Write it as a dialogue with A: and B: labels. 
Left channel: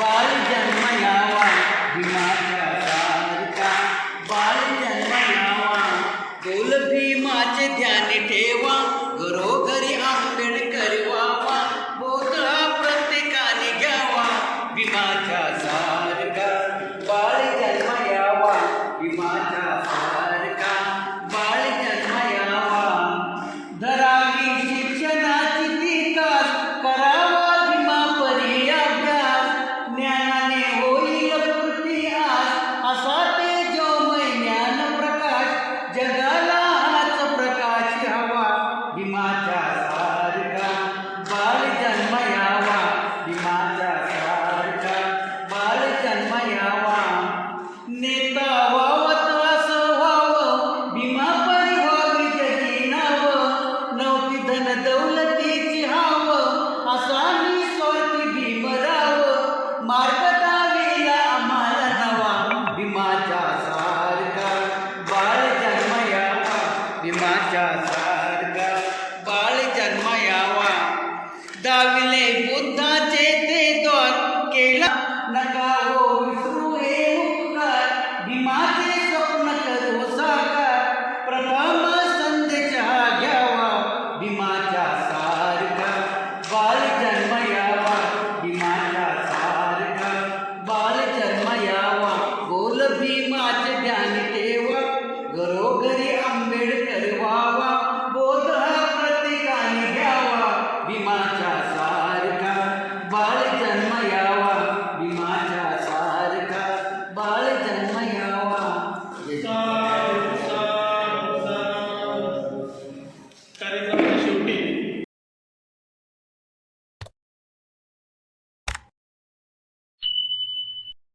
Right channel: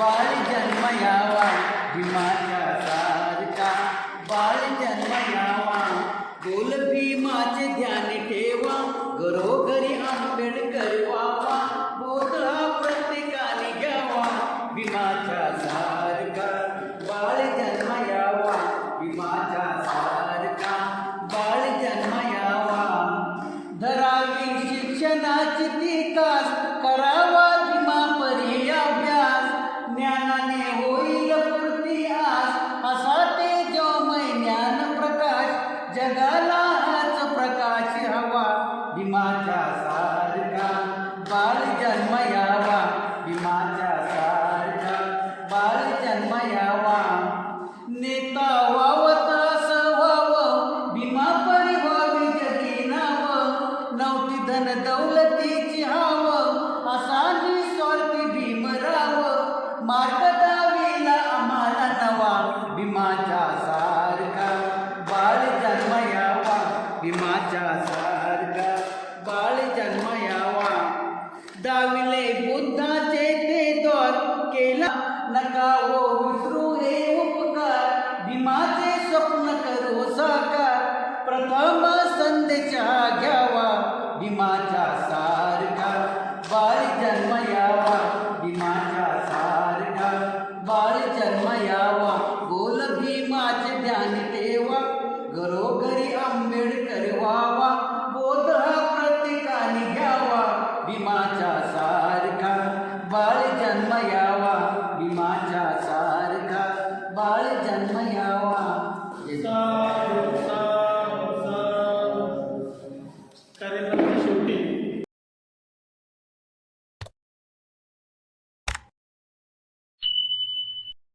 A: వారి జన్మ యావా విమాత नका वो विष्णु है। Hallelujah